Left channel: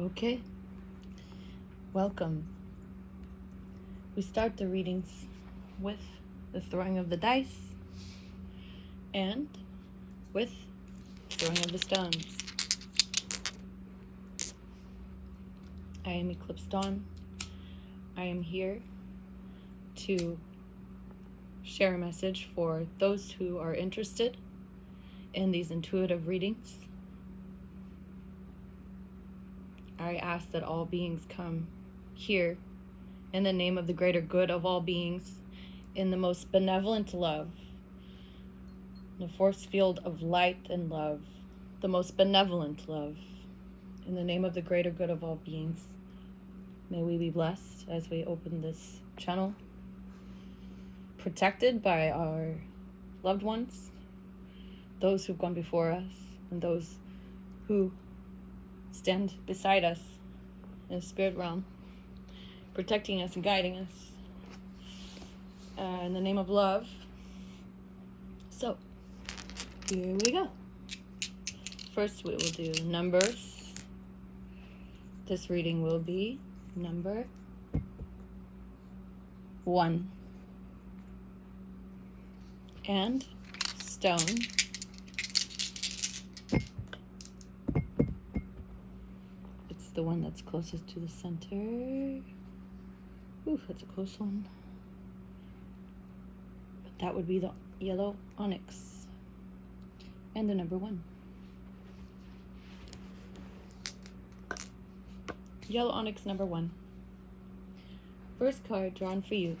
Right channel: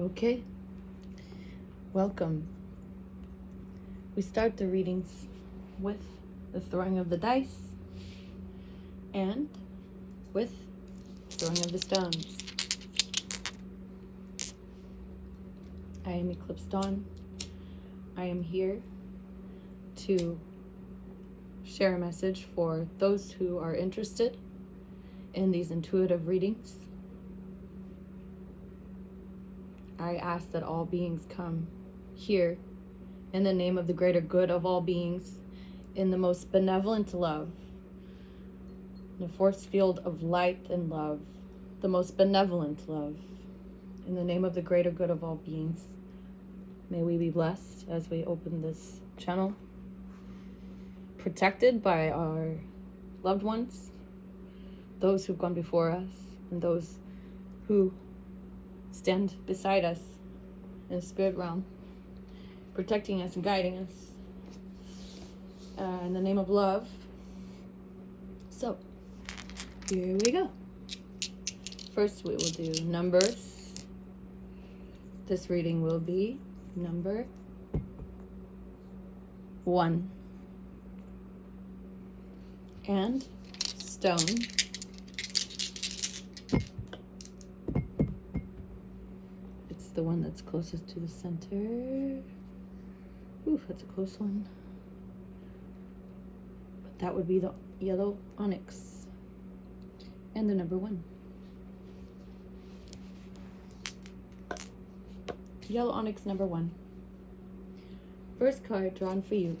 Okay, welcome. We start the readings with the throwing of the dice and with throwing of the stones. I am Eclipse Dawn. I am here to share a message for those who are interested in these intuitive readings. I ask that all beings come here in the name of the greater good of all beings, in the most benevolent love, the force field of light and love, the most benevolent love, in the name of the greater good of all beings. May we be blessed as we open this channel, protected by our loved ones, those who've gone before us, and those who stand beside us in the spirit realm, protecting us and guiding us in the name of love. So, here we go. First, we will do numbers. This reading will be number 1. And stone. It's the one that's closest to the center. Ooh, that's a close one. But that would be the yellow onyx. And the number 1. Yellow onyx number 1. First card drawn for you.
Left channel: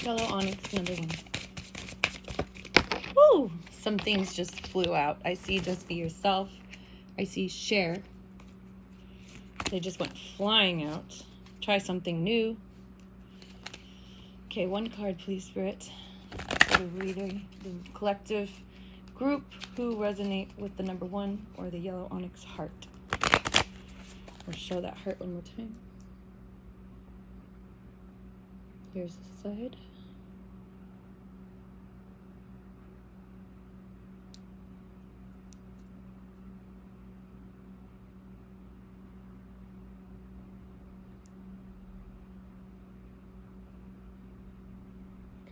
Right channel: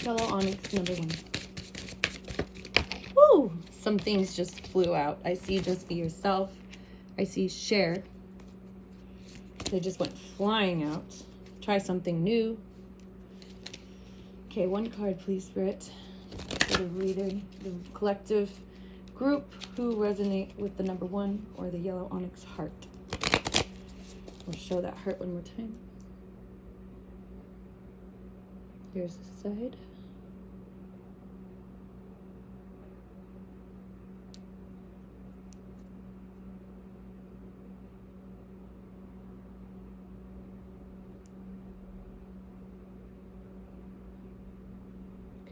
Yellow onyx number 1. Woo! Some things just flew out. I see just be yourself. I see share. They just went flying out. Try something new. Okay, 1 card, please, Spirit. For the reader, the collective group who resonate with the number 1 or the yellow onyx heart. Or show that heart one more time. Here's the side.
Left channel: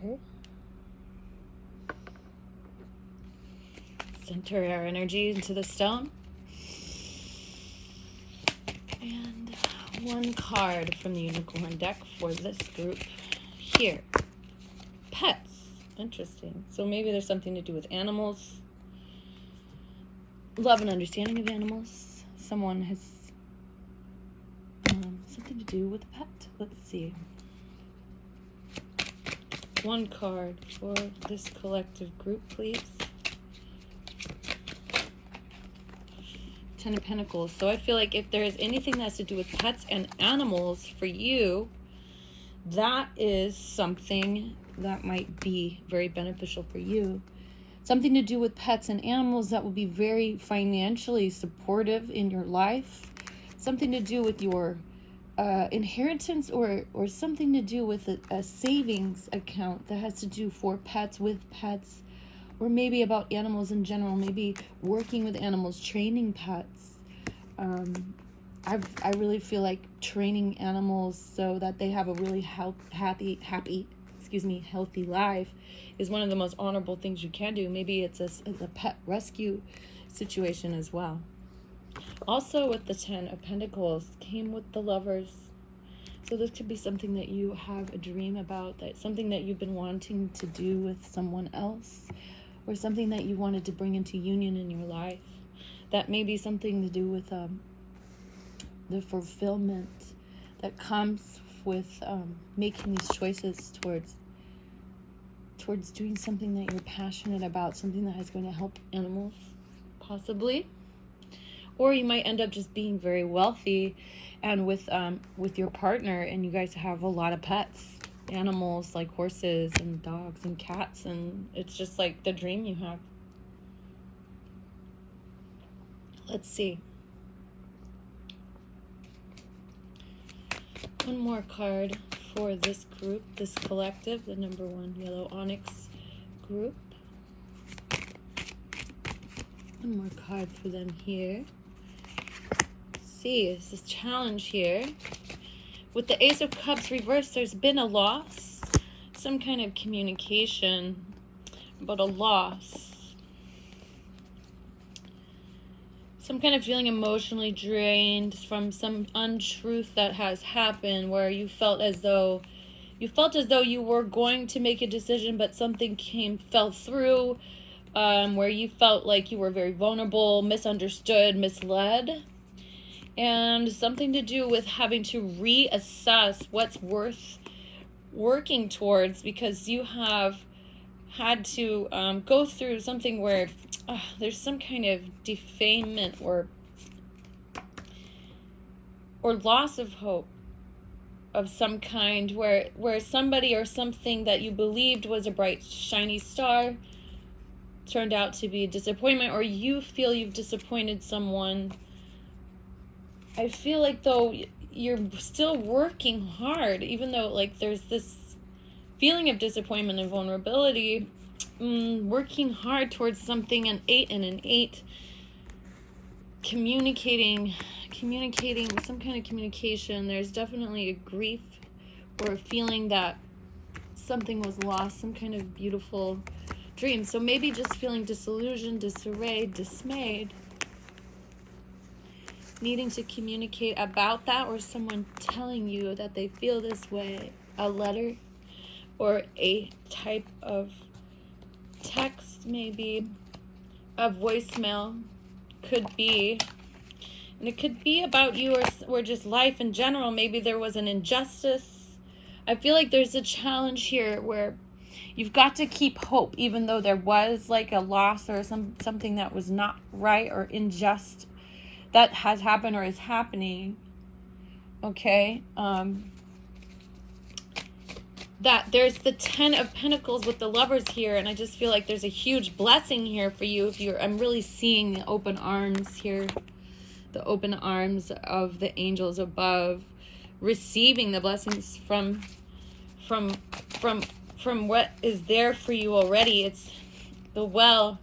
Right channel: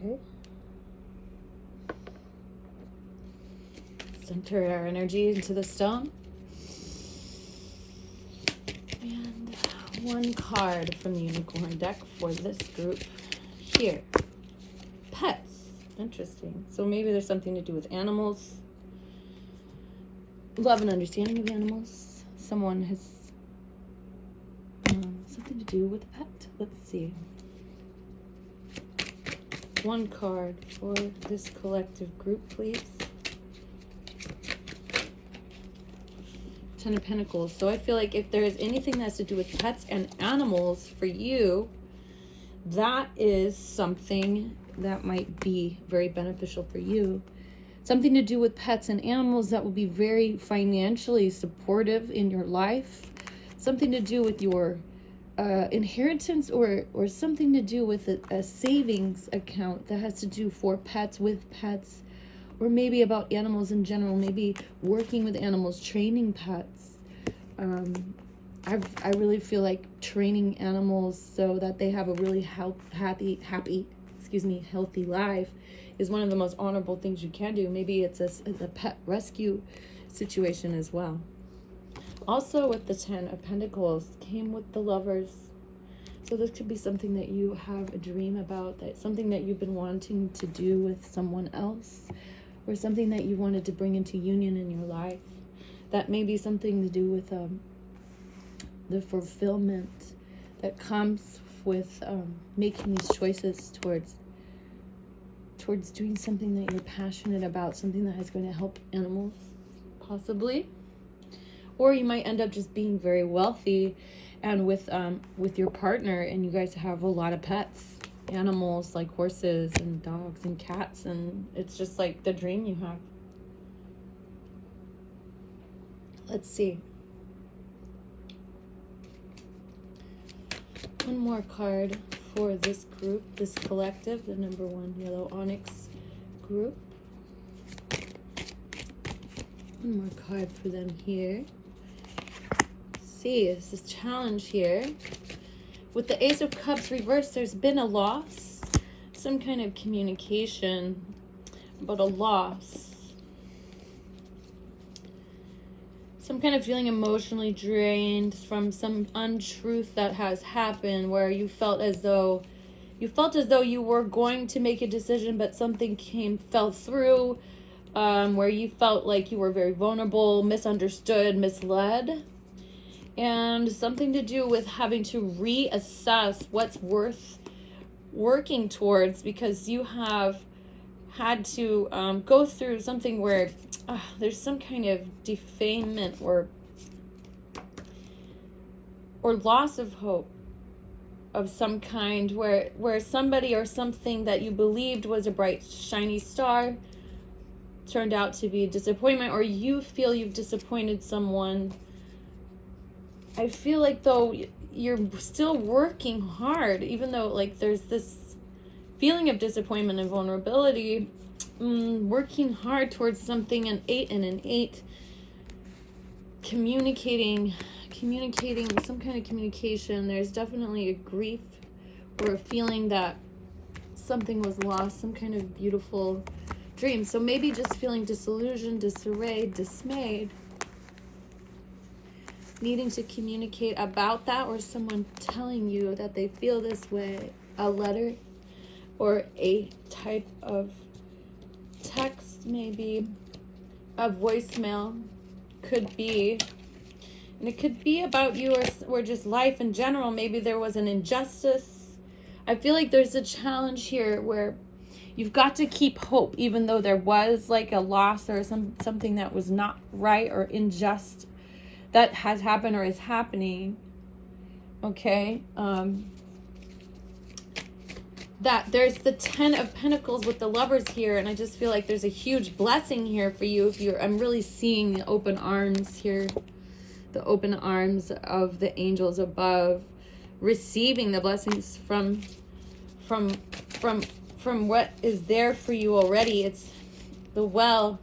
Okay. Center our energy into the stone. And 1 card from the unicorn deck for this group here. Pets. Interesting. So maybe there's something to do with animals. Love and understanding of animals. Someone has something to do with a pet. Let's see. 1 card for this collective group, please. 10 of Pentacles. So I feel like if there is anything that has to do with pets and animals for you, that is something that might be very beneficial for you. Something to do with pets and animals that will be very financially supportive in your life. Something to do with your inheritance or something to do with a savings account that has to do for pets, with pets, or maybe about animals in general, maybe working with animals, training pets. I really feel like training animals so that they have a really healthy life is one of the most honorable things you can do. Maybe it's a pet rescue situation as well. Also with the 10 of Pentacles came with the Lovers. So this could be something that you have a dream about, that something that you've been wanting to do with someone else, or something that you wanted to bring into union in your life. That may be something to do with the fulfillment that comes with making these choices towards doing something that you're passionate about, something that is going to help animals, possibly. Or you might end up just being very wealthy and with your partner, and you guys have a lot of pets, animals like horses and dogs and cats, and it's just like the dream you have. Let's see. 1 more card for this group, this collective, the number 1 yellow onyx group. 1 more card for them here. see. This is challenge here. With the Ace of Cups reversed, there's been a loss. Some kind of communication about a loss. Some kind of feeling emotionally drained from some untruth that has happened, where you felt as though you were going to make a decision, but something fell through, where you felt like you were very vulnerable, misunderstood, misled, and something to do with having to reassess what's worth working towards, because you have had to go through something where there's some kind of defamation or loss of hope of some kind, where somebody or something that you believed was a bright, shiny star turned out to be a disappointment, or you feel you've disappointed someone. I feel like, though, you're still working hard, even though, like, there's this feeling of disappointment and vulnerability, working hard towards something. An 8 and an 8, communicating, some kind of communication. There's definitely a grief or a feeling that something was lost, some kind of beautiful dream. So maybe just feeling disillusioned, disarray, dismayed, needing to communicate about that, or someone telling you that they feel this way. A letter or a type of text, maybe a voicemail could be, and it could be about you or just life in general. Maybe there was an injustice. I feel like there's a challenge here where you've got to keep hope, even though there was like a loss or something that was not right or unjust that has happened or is happening. Okay, that there's the 10 of Pentacles with the Lovers here, and I just feel like there's a huge blessing here for you. I'm really seeing the open arms here, the open arms of the angels above, receiving the blessings from what is there for you already. It's the well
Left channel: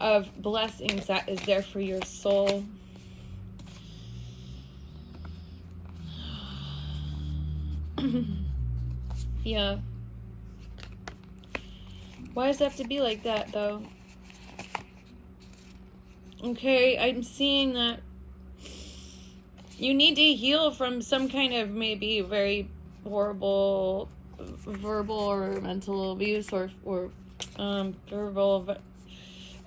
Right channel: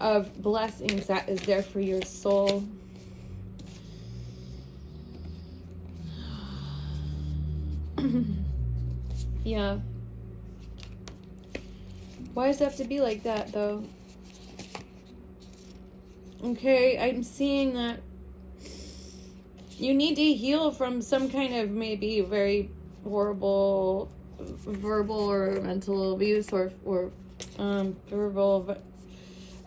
of blessings that is there for your soul. Yeah. Why does it have to be like that, though? Okay, I'm seeing that you need to heal from some kind of maybe very horrible verbal or mental abuse, or verbal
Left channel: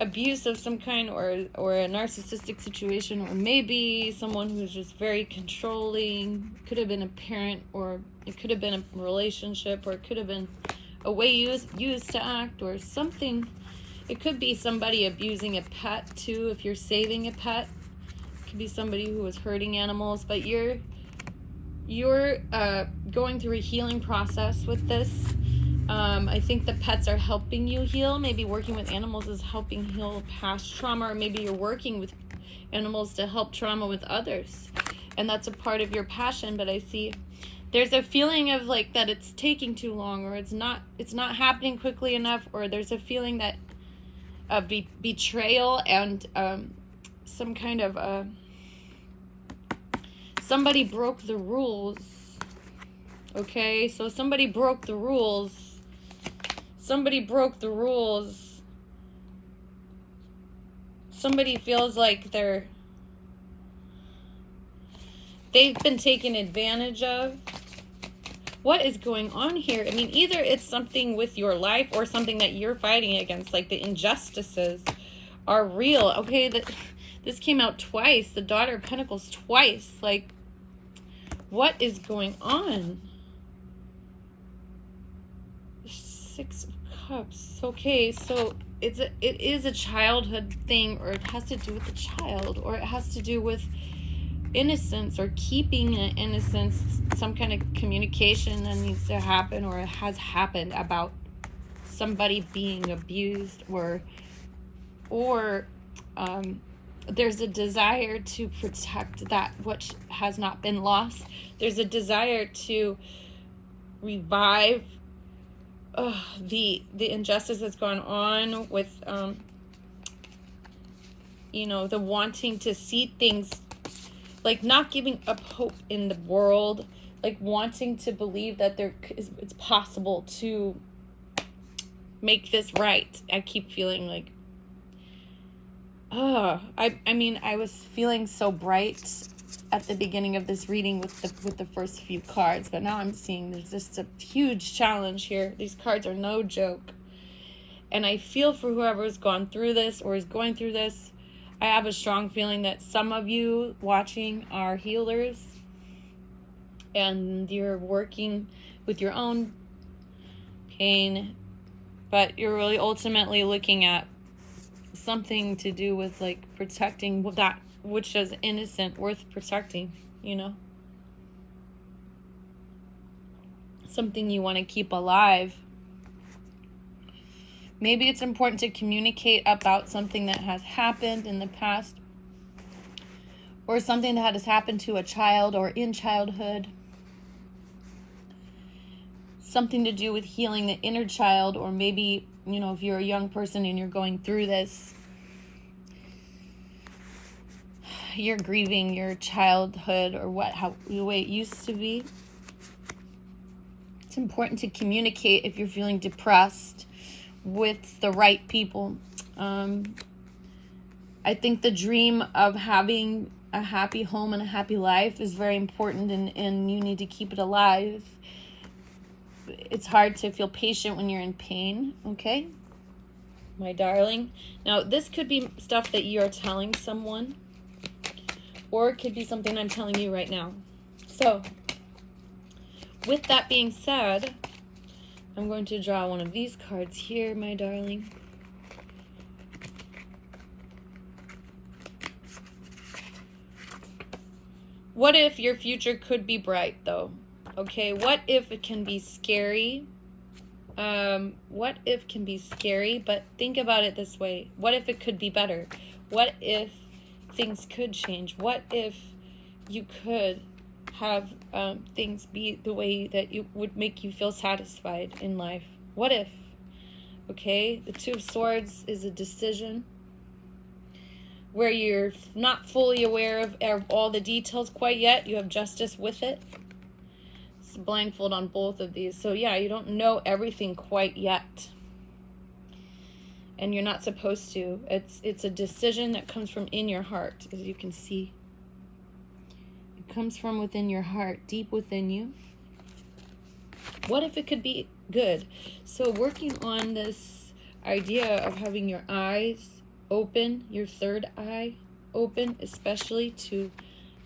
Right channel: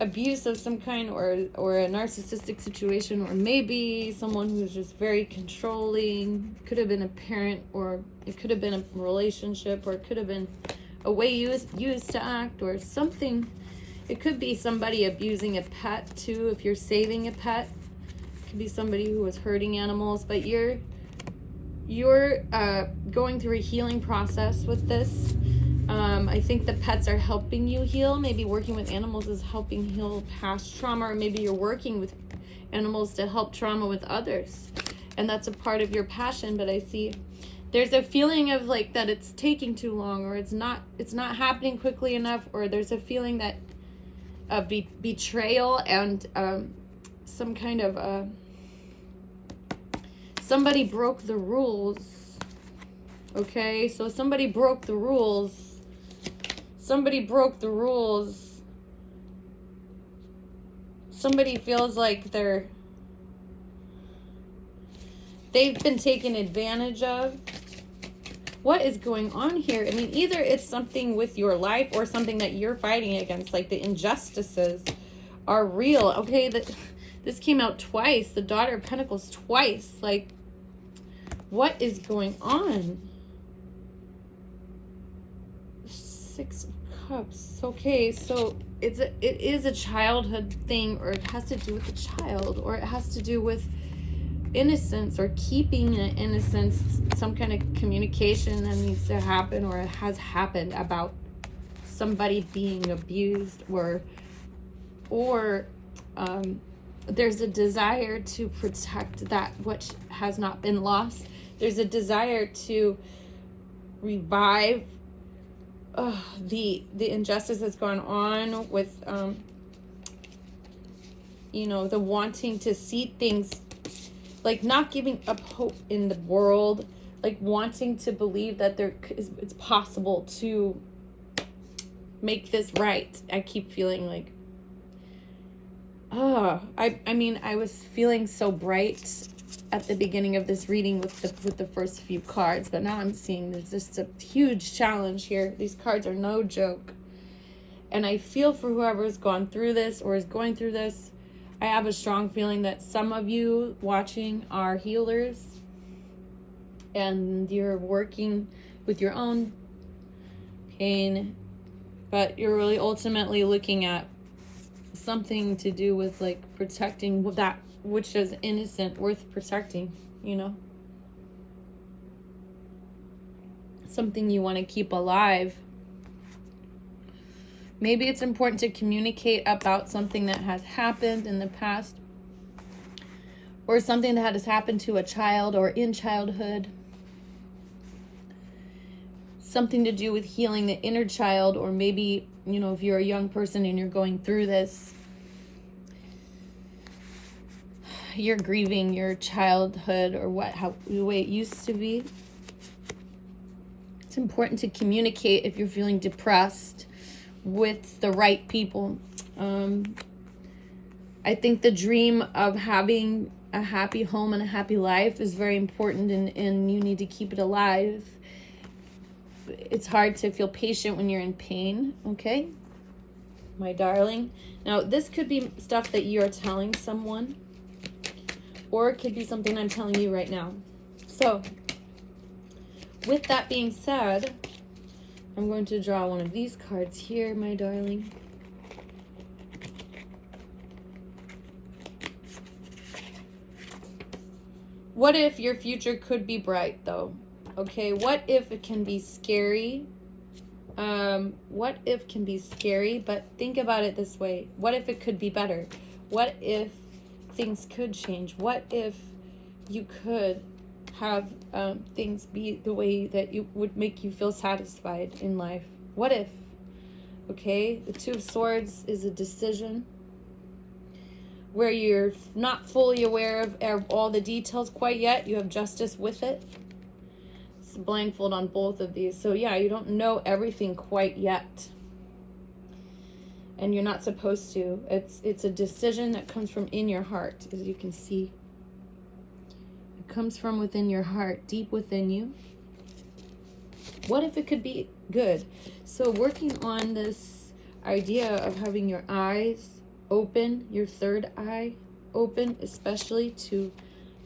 abuse of some kind, or a narcissistic situation, or maybe someone who's just very controlling. Could have been a parent, or it could have been a relationship, or it could have been a way used to act, or something. It could be somebody abusing a pet too, if you're saving a pet. It could be somebody who was hurting animals, but you're going through a healing process with this. I think the pets are helping you heal. Maybe working with animals is helping heal past trauma, or maybe you're working with animals to help trauma with others, and that's a part of your passion. But I see there's a feeling of like that it's taking too long, or it's not happening quickly enough, or there's a feeling that of betrayal and some kind of somebody broke the rules. Okay, so somebody broke the rules. Somebody broke the rules. Somebody feels like they've been taken advantage of. What is going on here? I mean, either it's something with your life or something that you're fighting against, like the injustices are real. Okay, this came out twice. The Daughter of Pentacles twice. Like, what is going on? 6 of Cups. Okay, so it is a childhood thing, or it has to do with the child, or it has to do with innocence, or keeping an innocence, some kind of communication that needs to happen, or it has happened about somebody being abused, or there's a desire to protect that which has not been lost. There's a desire to revive the injustice that's gone on with the wanting to see things like not giving up hope in the world, like wanting to believe that it's possible to make this right. I keep feeling like, I mean, I was feeling so bright at the beginning of this reading with the first few cards, but now I'm seeing there's just a huge challenge here. These cards are no joke. And I feel for whoever has gone through this or is going through this. I have a strong feeling that some of you watching are healers and you're working with your own pain, but you're really ultimately looking at something to do with like protecting that which is innocent, worth protecting, you know? Something you want to keep alive. Maybe it's important to communicate about something that has happened in the past, or something that has happened to a child or in childhood. Something to do with healing the inner child, or maybe, you know, if you're a young person and you're going through this, you're grieving your childhood or the way it used to be. It's important to communicate if you're feeling depressed with the right people. I think the dream of having a happy home and a happy life is very important, and you need to keep it alive. It's hard to feel patient when you're in pain, okay? My darling. Now, this could be stuff that you're telling someone, or it could be something I'm telling you right now. So, with that being said, I'm going to draw one of these cards here, my darling. What if your future could be bright, though? Okay, what if it can be scary? What if can be scary, but think about it this way. What if it could be better? What if things could change? What if you could have things be the way that you would make you feel satisfied in life? What if? Okay, the Two of Swords is a decision where you're not fully aware of all the details quite yet. You have justice with it. It's a blindfold on both of these. So yeah, you don't know everything quite yet. And you're not supposed to. It's a decision that comes from in your heart, as you can see. Comes from within your heart, deep within you. What if it could be good? So working on this idea of having your eyes open, your third eye open, especially to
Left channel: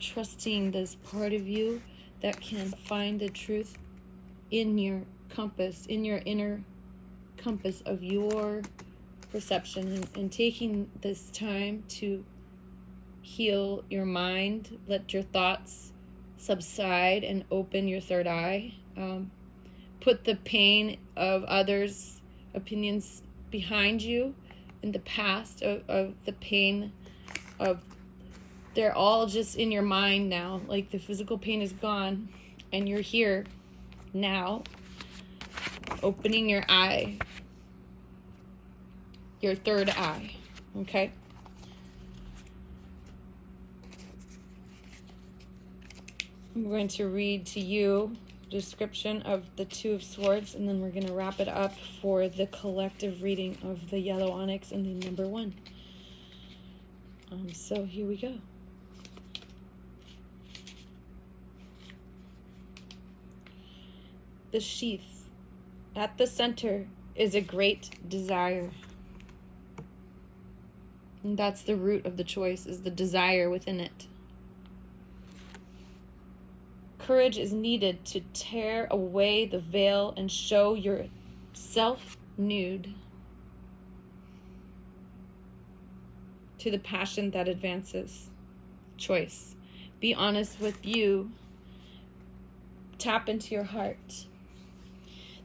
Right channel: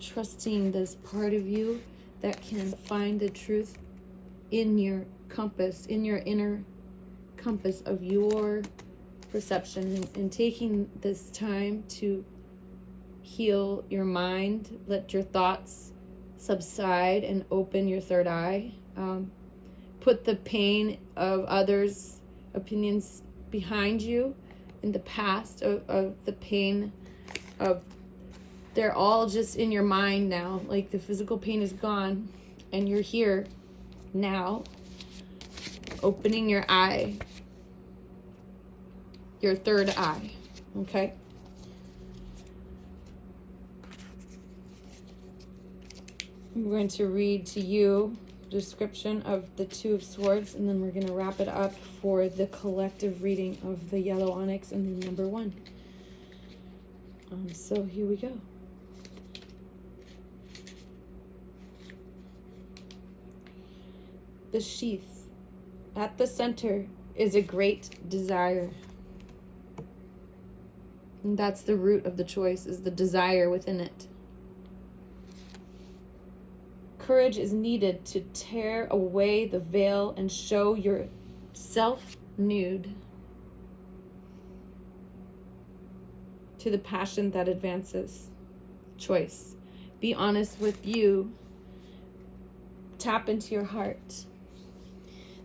trusting this part of you that can find the truth in your compass, in your inner compass of your perception, and taking this time to heal your mind, let your thoughts subside and open your third eye. Put the pain of others' opinions behind you in the past, of the pain of, they're all just in your mind now. Like the physical pain is gone and you're here now, opening your eye, your third eye, okay? I'm going to read to you a description of the Two of Swords, and then we're going to wrap it up for the collective reading of the yellow onyx and then number one. So here we go. The sheath. At the center is a great desire. And that's the root of the choice, is the desire within it. Courage is needed to tear away the veil and show yourself nude to the passion that advances. Choice. Be honest with you. Tap into your heart.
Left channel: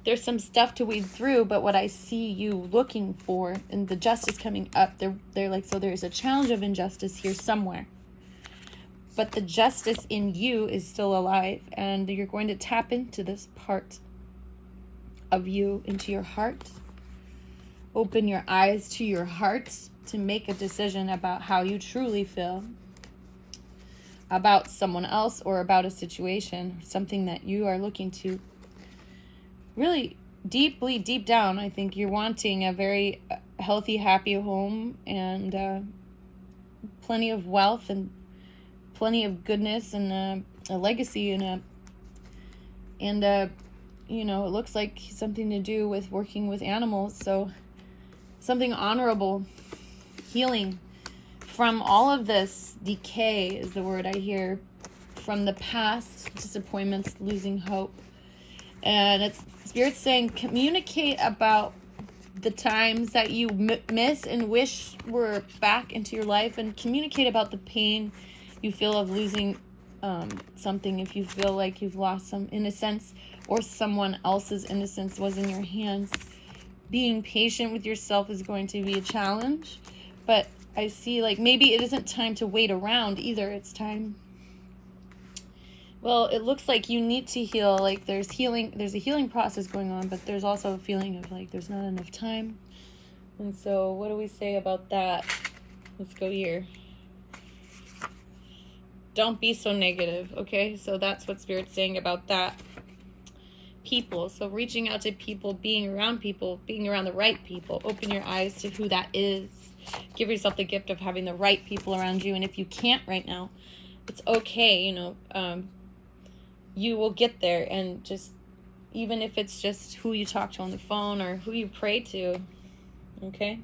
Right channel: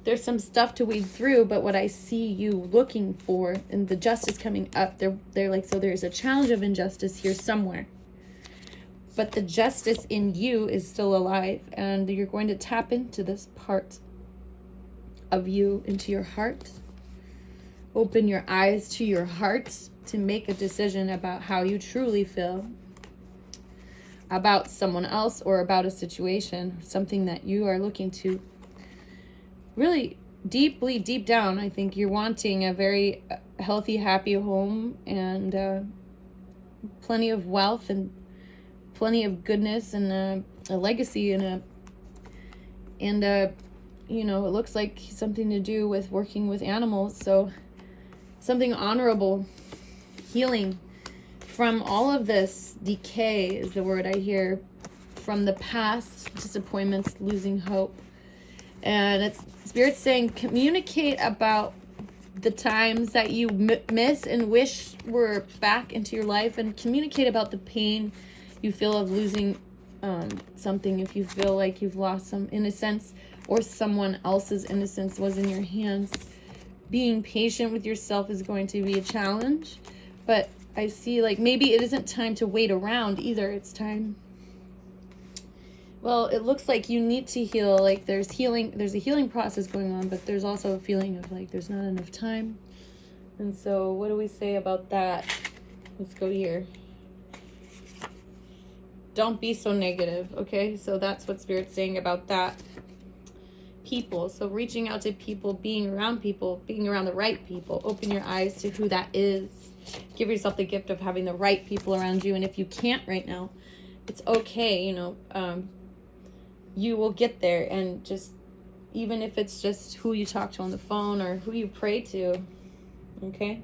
There's some stuff to weed through, but what I see you looking for, and the justice coming up, they're like, so there's a challenge of injustice here somewhere. But the justice in you is still alive, and you're going to tap into this part of you, into your heart. Open your eyes to your heart to make a decision about how you truly feel. about someone else or about a situation, something that you are looking to really deeply, deep down. I think you're wanting a very healthy, happy home, and plenty of wealth and plenty of goodness, and a legacy, and you know, it looks like something to do with working with animals. So something honorable, healing from all of this decay is the word I hear, from the past, disappointments, losing hope. And it's Spirit's saying, communicate about the times that you miss and wish were back into your life, and communicate about the pain you feel of losing something. If you feel like you've lost some innocence, or someone else's innocence was in your hands, being patient with yourself is going to be a challenge. But I see, like, maybe it isn't time to wait around either. It's time, well, it looks like you need to heal. Like, there's a healing process going on, but there's also a feeling of like there's not enough time. And so what do we say about that? Let's go here. Don't be so negative, okay? So that's what Spirit's saying about that. People, so reaching out to people, being around the right people. Open your eyes to who that is. Give yourself the gift of having the right people around you. And if you can't right now, it's okay. You know, you will get there. And just, even if it's just who you talk to on the phone or who you pray to, okay?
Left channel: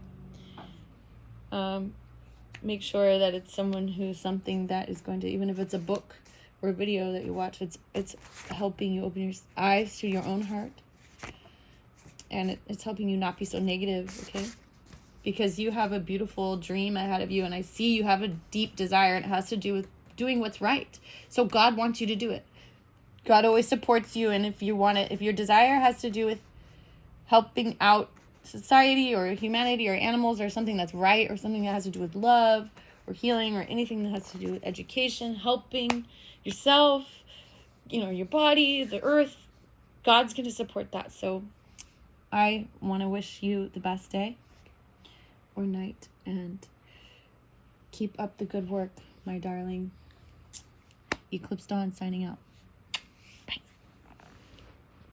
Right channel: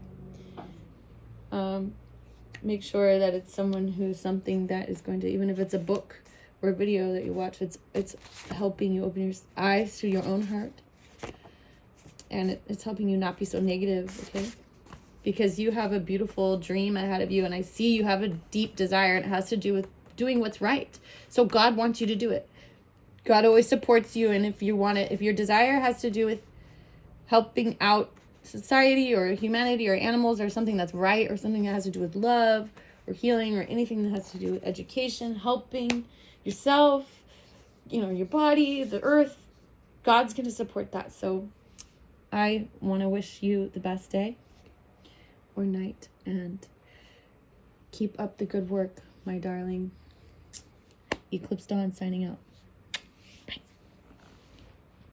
Make sure that it's someone who's something that is going to, even if it's a book or a video that you watch, it's helping you open your eyes to your own heart, and it's helping you not be so negative, okay? Because you have a beautiful dream ahead of you, and I see you have a deep desire, and it has to do with doing what's right. So God wants you to do it. God always supports you, and if you want it, if your desire has to do with helping out society or humanity or animals or something that's right, or something that has to do with love or healing, or anything that has to do with education, helping yourself, you know, your body, the earth, God's going to support that. So I want to wish you the best day or night, and keep up the good work, my darling. Eclipse Dawn signing out.